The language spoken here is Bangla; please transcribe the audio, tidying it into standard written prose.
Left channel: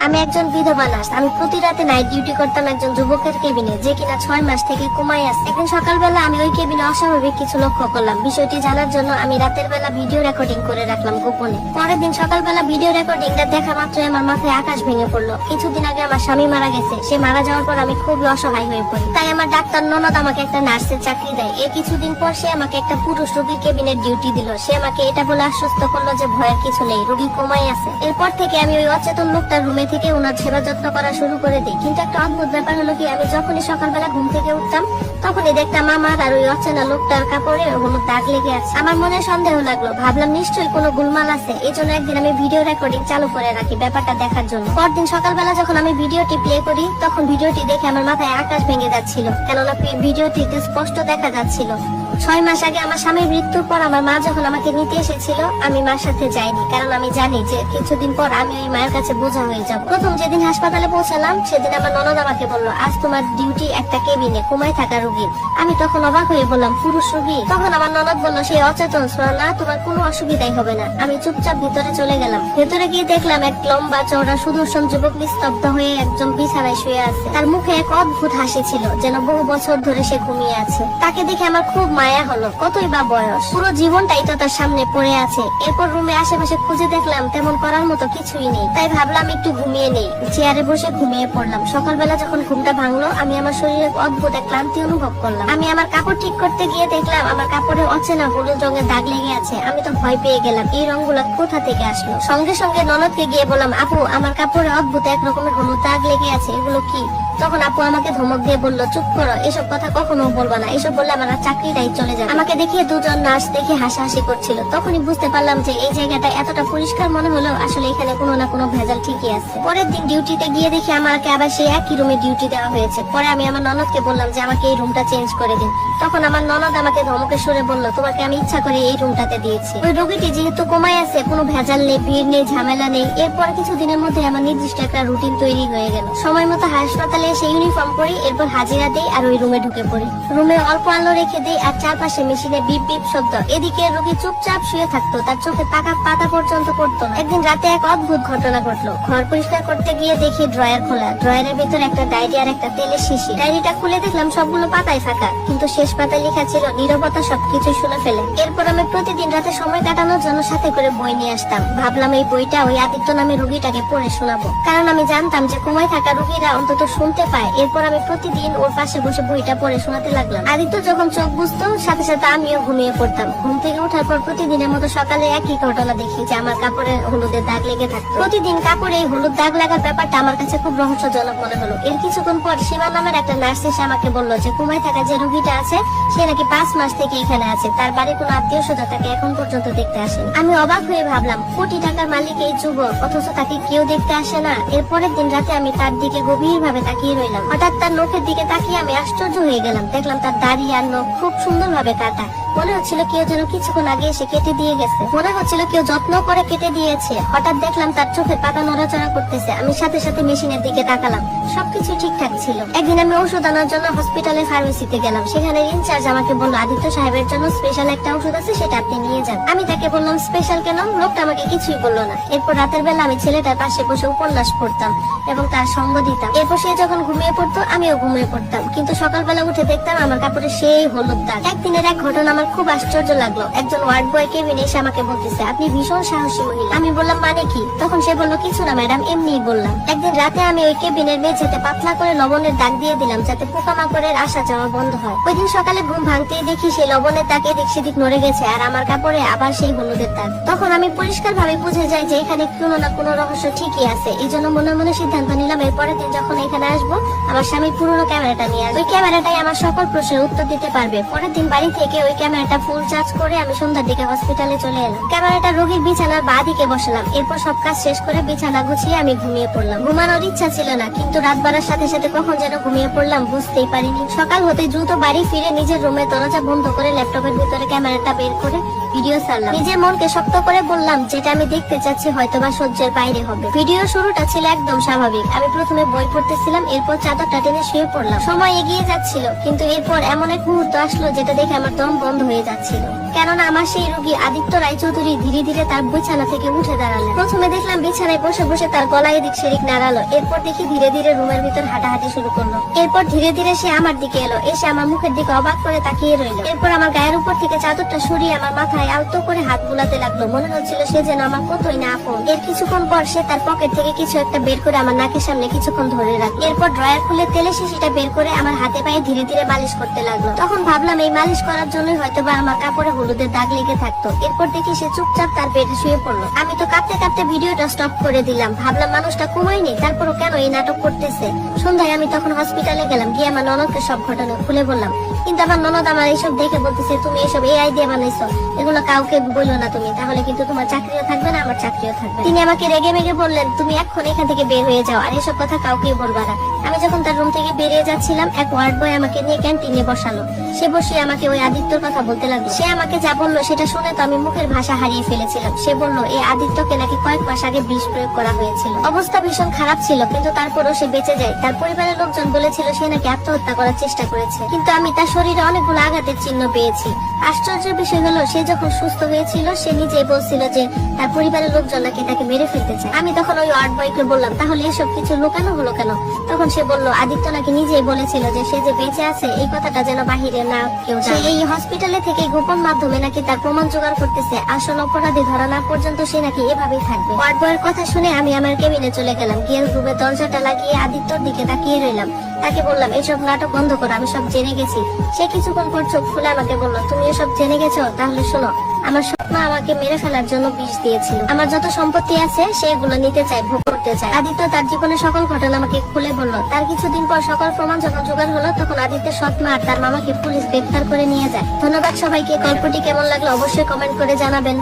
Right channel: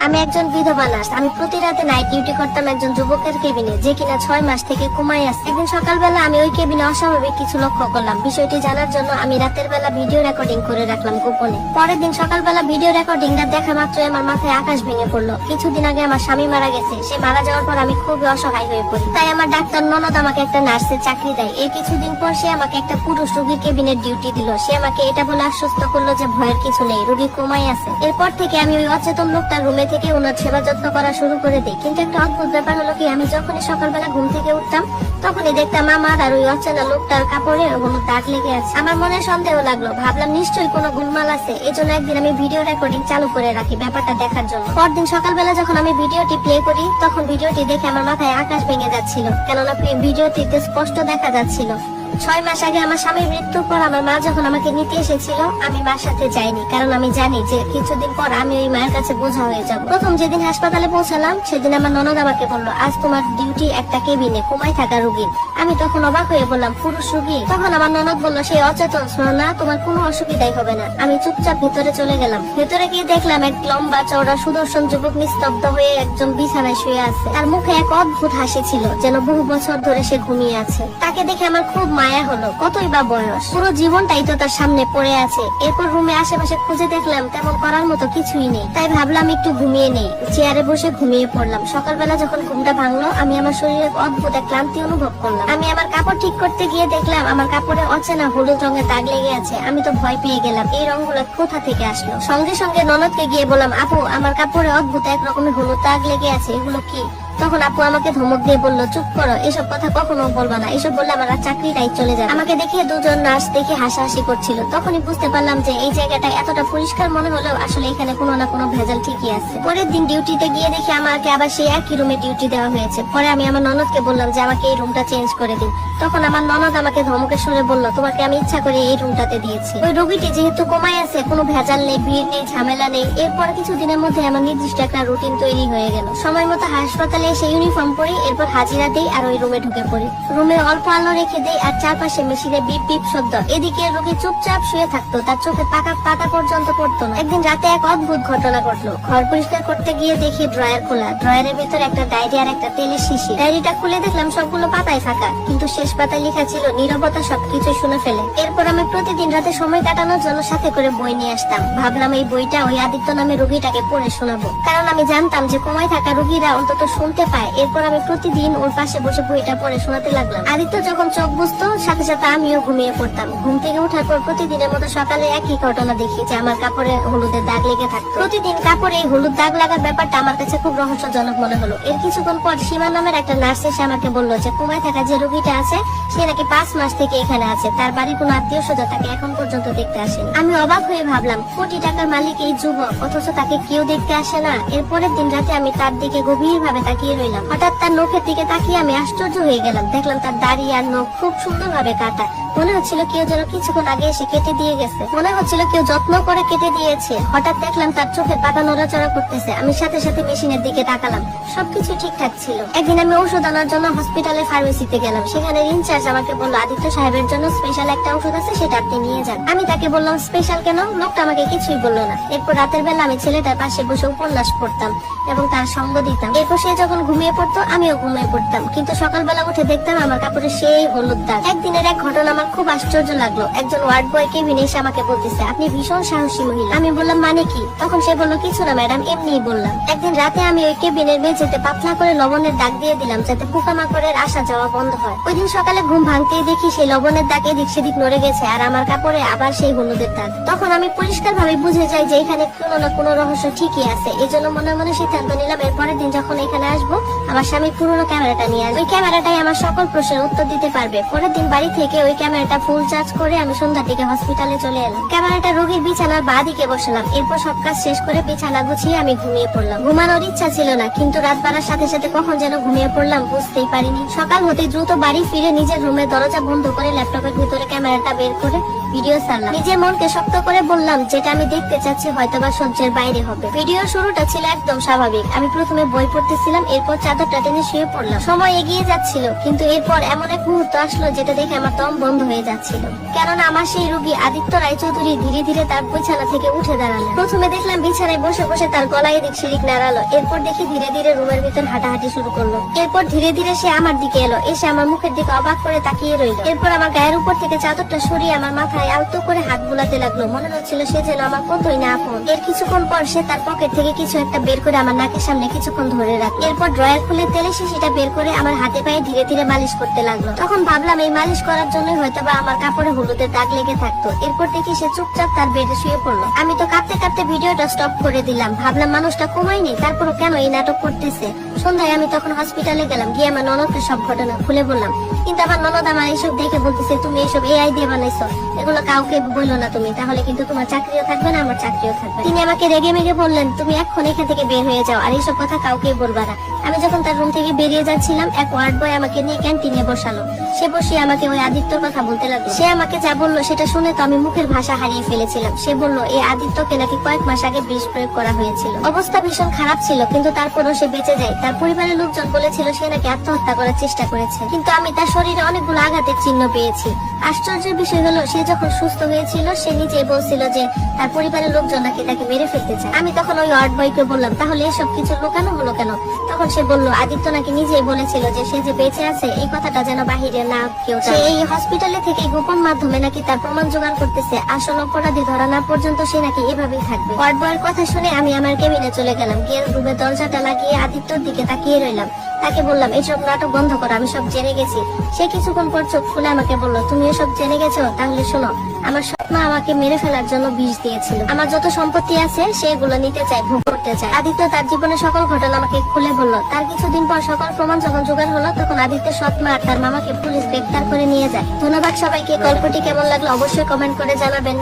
আমি একজন বিধবা নার্স। আমি প্রতি রাতে নাইট ডিউটি করতাম একজন যুবকের কেবিনে, যে কিনা 6 মাস থেকে কোমায় আছে। একদিন সকালবেলা আমি ওই কেবিনে অস্বাভাবিক কিছু লক্ষ্য করলাম। বিষয়টি জানার জন্য আমি রাতের বেলা ভিডিও রেকর্ডিং করে রাখলাম গোপনে। পরের দিন সকালবেলা ভিডিও রেকর্ডিংটা দেখা মাত্রই আমার মাথায় আকাশ ভেঙে পড়লো। কিছুদিন আগে আমার স্বামী মারা গেছে। সে মারা যাওয়ার পর আমি খুবই অসহায় হয়ে পড়ি। তাই আমার ডাক্তার ননদ আমাকে একটা নার্সের চাকরি দেয়। এই কিছুদিন পর সে আমাকে একটা পুরুষ রোগীর কেবিনের ডিউটি দিল। সে আমাকে এটা বলে আশ্বস্ত করলো যে ভয়ের কিছু নেই, রোগী কোমায় আছে। এরপর থেকে আমি ওই অচেতন লোকটার রুমে থেকে ওনার সেবা যত্ন করা শুরু করে দিই। কিন্তু একটা অদ্ভুত ব্যাপার হলো কি, আমি যখনই সকালবেলা ঘুম থেকে উঠতাম তখনই দেখতাম আমার আর ওই অচেনা লোকটার কাপড়ে ওগুলো দাগ লেগে আছে। আমার মনে সন্দেহ লাগলো, ভাবলাম নিশ্চয়ই কোনো গোলমাল আছে। এই জন্য একদিন আমি ভিডিও রেকর্ডিং চালু করে রাখি ব্যাপারটা দেখার জন্য। পরদিন সকালবেলা যখন আমি ভিডিওটি প্লে করি তখন ভিডিওটি দেখে আমার মাথায় আকাশ ভেঙে যাচ্ছিল, কেননা ভিডিওটিতে স্পষ্ট দেখা যাচ্ছিল 6 মাস আগে আমার স্বামীর মৃত্যুর পর আমার মা যখন আমাকে নিতে এসেছিল আমি মার সাথে যাইনি, কারণ আমি জানি যে কিছুদিন পর আমি ওই মায়ের কাছে বোঝা হয়ে যাব। প্রথম যেদিন হাসপাতালে পৌঁছালাম সেদিন আমার ননদ আমাকে বললো, আজ তোমার ডিউটি একটা কেবিনে কোমায় থাকা রোগী। আমি তখন অবাক হয়ে বললাম, পুরুষ রোগী? তখন আমার ননদ বললো, সেই অচেতন, না তোমার কোনো অসুবিধাই হবে না। আমি চুপচাপ ভেতরে চলে গেলাম। ভেতরে গিয়ে দেখলাম এক লম্বা চওড়া সুদর্শন যুবক নিস্তব্ধ হয়ে একজন বিছানায় শুয়ে আছে। তার মুখে এক অদ্ভুত হাসি ছিল, যেন বহু বছর ধরে সে ঘুমিয়ে আছে। তাকে দেখে আমার খুব মায়া হলো। কতই বা বয়স, পুরো জীবনটাই তো তার সামনে পড়ে আছে। এরপর রুমে আশেপাশে খুঁজে দেখলাম তেমন করার মতো কিছুই নেই। তাই ভাবলাম একটু ঘুমিয়ে নেই। চেয়ারে বসে ঘুমিয়ে পড়লাম। সকালবেলা যখন ঘুমটা ভাঙলো আমি আমার শরীরে অদ্ভুত এক ক্লান্তি অনুভব করলাম। আমি আমার কাপড় ঠিক করতে গিয়ে দেখলাম আমার কাপড়ে অচেনা হলুদ রঙের দাগ লেগে আছে। আমি তো ভয় পেয়ে গেলাম, এই রঙগুলো কোথা থেকে আসলো। সঙ্গে সঙ্গে ননদকে গিয়ে বললাম, আপু আমার কাপড়ে অদ্ভুত এক রকমের হলুদ দাগ লেগে আছে, এগুলো কি? তখন আপু আমাকে ধমক দিয়ে বললো, চুপ করো, এসব কথা কখনো বলবা না। এসব বললে আমার চাকরিটাই চলে যাবে। আমাকে দেখে দুজন নার্স দেখে হাসাহাসি করছিল। তখনই বুঝতে পারলাম যে এই জায়গাটা এতটা পরিষ্কার মনে হলো আসলে এখানে কোনো না কোনো ভেজাল ঠিকই আছে। পরের দিন ডিউটিতে গিয়ে দেখি আমাকে আবার সেই একই রুমে ডিউটি দেওয়া হয়েছে। পরে আমি আমার ননদকে বললাম যে আমাকে এই রুমটা চেঞ্জ করে দিন। তখন আমার ননদ আমাকে ধমকের সুরে বললো, তোমাকে আমি ইচ্ছা করে এই রুমটাতে দিয়েছি। ওই রোগীটি যেহেতু কোমায় আছে, কোনো ভেজাল নেই, ভিড় নেই, ঝামেলা নেই। এরপরে কিছু দিনের মধ্যে আমার নির্দিষ্ট একটা রুটিন তৈরি হয়ে গেল। সময় মতো হাসপাতালে এসে ইউনিফর্ম পরি, এরপর হাজিরা দেই আর ওই রুমে ঢুকে পড়ি। রুমে অল্প আলো রেখে দেই আর চারপাশে মেশিনে বিপ বিপ শব্দ। এদিকে রোগী চুপচাপ শুয়ে থাকতো, তার চোখে পাতা পর্যন্ত পড়তো না। একদিন রাতে এক অদ্ভুত ঘটনা ঘটলো। ঘর পরিষ্কার করতে গিয়ে দেখি ড্রয়ার খোলা। ড্রয়ারের ভেতর একটা ডায়েরি আর একটা তেলের শিশি। ডায়েরিটা খুলে দেখলাম সবগুলো পাতায় ফাঁকা, কিন্তু শেষ পাতায় লেখা ছিল, নীরবতা সবকিছু শুনে ফেলে। এরপর আমি প্রতিদিন রাতে সময় কাটানোর জন্য সাথে করে বই নিয়ে আসতাম। ভাবলাম এই বইটা ওই আদিত্য নামে রোগীটাকে পড়ে শোনাবো, কারণ আমি জানতাম যে কোমায় থাকা রোগীরা অন্তত শুনতে পায়। এরপর আমি প্রতিদিন ওর পাশে বসে বইটা পড়ে শোনাতে লাগলাম। আদিত্য যখন চোখ বুঝতো সাথে সাথে আমিও ঘুমিয়ে পড়তাম। ঘুম থেকে উঠার পর প্রতিদিনের মতো সকালে একই ঘটনা দেখি যে আমার কাপড়ে হলুদের দাগ লেগে থাকতো। প্রতিদিন কাপড়ে এই হলুদ দাগ লাগার ব্যাপারটা আমার কাছে খুব রহস্যজনক মনে হলো। এর কিছুক্ষণ পর সীমা নামের একটা নার্স এসে আমাকে বললো যে কোমায় থাকা যে রোগীটা আছে সে নাকি 5 মাস থেকে এখানে আছে। তার বাড়ির কোনো আত্মীয় স্বজন তাকে এখন পর্যন্ত দেখতে আসেনি। আমি অবাক হয়ে ভাবলাম, কোটি টাকার মালিক এই যুবক, অথচ তাকে কেউ দেখতে আসে না। এরপরের দিন রাতে আমি তার দিকে গভীর ভাবে তাকিয়ে রইলাম। হঠাৎ তার নখের দিকে তাকিয়ে আমি আশ্চর্য হয়ে গেলাম। দেখলাম তার দাড়ি আর নখ খুব সুন্দর ভাবে কাটা। মনে হচ্ছিল কেউ যেন কিছুক্ষণ আগে এসে কেটে দিয়ে গেছে। মনে হচ্ছিল কেউ যত্ন করে কেটে দিয়েছে। হঠাৎ দেখলাম তার চোখের পাতা নড়াচড়া করতেছে। আমি সাথে সাথে মেশিনের দিকে তাকালাম, সবকিছু ঠিকঠাক ছিল। একদিন আমি ওষুধ আনার জন্য হসপিটালের ফার্মেসিতে গেলাম। সেখানে ইনচার্জ আমাকে বললো, আদিত্য সাহেবের জন্য স্পেশাল একটা ওষুধ আছে, সেটা আপনি নিয়ে যান। আমি তাকে বললাম, স্পেশাল কেন? লোকটা আমাকে কিছুই বললো না। এরপর রাতের বেলা আমি ছেলেটার পাশে বসে উপন্যাস পড়তাম এবং তার সঙ্গ দিতাম। এরপর সে যখন ঘুমিয়ে পড়তো আমিও ঘুমিয়ে পড়তাম, কিন্তু সকালবেলা উঠে দেখতাম আমার কাপড়ে সেই হলুদ দাগ। একদিনের এক ঘটনা আমার খুব আশ্চর্য লাগলো। একজন ওয়ার্ড বয় কেবিনে এসে আমাকে বলতেছে, আপনি ভীষণ সাহসী মহিলা। আমি বললাম, মানে কি? তখন সে বললো, কিছু না ম্যাডাম, এমনিই বললাম। একদিন রাতে আমি ওই কেবিনের মেঝেতে পাতলা করে লবণের দাগ দিয়ে দিলাম, যাতে পোকামাকড়ের আসা যাওয়া বন্ধ হয়। ওই দিন সকালে ঘুম ভাঙতেই দেখি সেই লবণের দাগ এদিক সেদিক নড়ে গেছে আর আমার কাপড়ে আবার সেই হলুদের দাগ। তখন আমি পরিষ্কার ভাবে বুঝে যাই যে এখানে কোনো না কোনো রহস্য ঠিকই আছে। এই জন্য মনে মনে সিদ্ধান্ত নিলাম এরপরের দিন যখন এখানে আসবো আমার স্বামী পুরোনো ক্যামেরাটা নিয়ে আসবে। ওই ক্যামেরাটাই আমার সকল প্রশ্নের উত্তর দিতে পারবে। পরের দিন বাড়ি থেকে ওই ক্যামেরাটা ফুল চার্জ করে আমি সন্ধ্যার দিকে হসপিটালে চলে এলাম। ক্যামেরাটা রোগীর বিছানার বাঁ দিকে বসলাম। এরপর সব কাজ শেষ করে বিছানা গুছিয়ে আমি ঘুমিয়ে পড়লাম। ঘুমানোর ইচ্ছা ছিল না, কিন্তু রাত বাড়ার সাথে সাথে কখন যেন ঘুমিয়ে পড়লাম বুঝতেই পারিনি। সকাল হতে দ্রুত বাড়ি ফিরে নিজের রুমের দরজা বন্ধ করে ল্যাপটপের ভিতরে ক্যামেরাটা বের করে ভিডিও ছাড়লাম। নিজের মনকে শক্ত করে বললাম যেটা আমি দেখতে চাচ্ছি হয়তোবা সহ্যের বাইরে হবে। ভিডিও শুরুটা ছিল একদম স্বাভাবিক। আমি প্রথমে বই পড়তেছিলাম, এরপর চাদরটা টেনে শুয়ে পড়লাম। সময় এগিয়ে যাচ্ছিল, কিন্তু এরপর এমন এক মুহূর্ত আসলো যেটা দেখে আমার দম বন্ধ হয়ে যাচ্ছিল। কেননা আমার সেই রোগী আদিত্য রায়চৌধুরী ধীরে ধীরে তার বিছানা থেকে উঠে দাঁড়ালো। প্রথমে দেখলাম বিছানায় বসে বসে তার গলায় এদিক সেদিক নাড়ালো। এরপর দেখি ধীরে ধীরে রুমের ভিতর হাঁটাহাঁটি শুরু করলো। এরপর ধীরে ধীরে সে আমার দিকে এলো, এসে আমার মুখের দিকে অবাক করে তাকিয়ে রইলো। এরপর আমার গায়ের উপর থেকে চাদরটা সরিয়ে আমার মাথায় আলতো করে হাত বুলাতে লাগলো। মনে হচ্ছিল সে যেন আমার কতই না আপন। এর কিছুক্ষণ পর সে তার পকেট থেকে কিছু একটা বের করে আমার নাকের সামনে কিছুক্ষণ ধরে রাখলো। এরপর ড্রয়ার খুলে তেলের শিশিটা বের করে আমার হাতে পায়ে ধীরে ধীরে মালিশ করতে লাগলো। তখন ভাবলাম এই মালিশ করার জন্যই হয়তোবা আমার কাপড়ে হলুদের দাগ লেগে থাকতো। এরপর দেখি সে চুপচাপ তার বেডে শুয়ে পড়লো। আমি তো কাঁপতে কাঁপতে ভিডিওটা স্টপ করে দিলাম। ভাবলাম মানুষটা ঘুমায়নি, তারপরও কেন এই নাটক করতেছে। সন্ধ্যায় আমি তখন হসপিটালে গেলাম, গিয়ে আমার ননদকে সব ঘটনা খুলে বললাম। কিন্তু আমার ননদ আমার এইসব দেখে বলতেছে, তুমি এইসব এই আইডিয়া বানাইছো, এগুলো কাউকে বললো না তুমি, তাহলে কিন্তু তোমার চাকরিও থাকবে না, আমার চাকরিও থাকবে। তিনি আমাকে রেগে মেগে বললেন, তুমি এখন এখান থেকে বের হয়ে যাও, আর এসব কথা কাউকে বলবা না। আমি যখন তার রুম থেকে বেরিয়ে যাচ্ছিলাম, এক ওয়ার্ড বয় আমাকে নিয়ে ক্যান্টিনে বসালো। সে বসে আমাকে ওই আদিত্যর কথা বলতে লাগলো। সে আমাকে যা বললো সেটা শুনে তো আমি মুখের ভাষা হারিয়ে ফেলেছিলাম। সে বললো এই আদিত্যকে নাকি কয়েক মাস আগে বিষ প্রয়োগ করা হয়েছিল। অবস্থা ভীষণ খারাপ ছিল, কিন্তু তারপরও সে বেঁচে যায়। তার পরিবারের লোকজন বলেছিল সে নাকি আত্মহত্যা করার চেষ্টা করেছে, কিন্তু আমি তার শরীরে অনেকগুলো আঘাতের চিহ্ন পেয়েছি। আশ্চর্যের বিষয় হলো সে যখন সুস্থ হয়েছিল সে নিজেই বলছিল যে তার পরিবারের লোকজন নাকি তাকে মেরে ফেলতে চায়। আমি তখন ওই ওয়ার্ড বয়কে বললাম, তাহলে এসব কিছু লুকানো হলো কেন? তখন সে বললো আদিত্য নাকি নিজেই বলেছিল যে সে যে বেঁচে আছে এই কথাটা যেন বাহিরে না কেউ জানে। এই হসপিটালে থেকে গোপন মাধ্যমে নাকি তার প্রমাণ জোগাড় করতেছে। আসল অপরাধী ধরা না পর্যন্ত সে নাকি এভাবেই থাকবে। ওয়ার্ড বয়ের কথা শুনে আমি আমার কেবিনে চলে গেলাম। গিয়ে রুমের দরজাটা লাগিয়ে আদিত্যর দিকে তাকিয়ে রইলাম। তাকে বললাম, এসব নাটক বন্ধ করো, আমি সব জেনে গেছি। সে কিছুক্ষণ পর চোখ খুলে আমাকে বললো, তুমি এসব জেনে গেছো? তাহলে শোনো, আমার সৎমা আমাকে মেরে ফেলার জন্য বিষ দিয়েছিল। আমার যত সম্পত্তি আছে সেগুলো নিতে চাই, ভোগ করতে চাই। আদিত্য তার জীবনের সকল ঘটনা আমাকে খুলে বললো। তার কিছুদিন পর সকল প্রমাণ যখন জোগাড় হলো, তখন আদিত্যের সৎমা আর তার মামাকে পুলিশ গ্রেফতার করে নিয়ে যায়। ধন্যবাদ সবাইকে। গল্পটি কেমন লাগলো অবশ্যই কমেন্ট করে জানাবেন।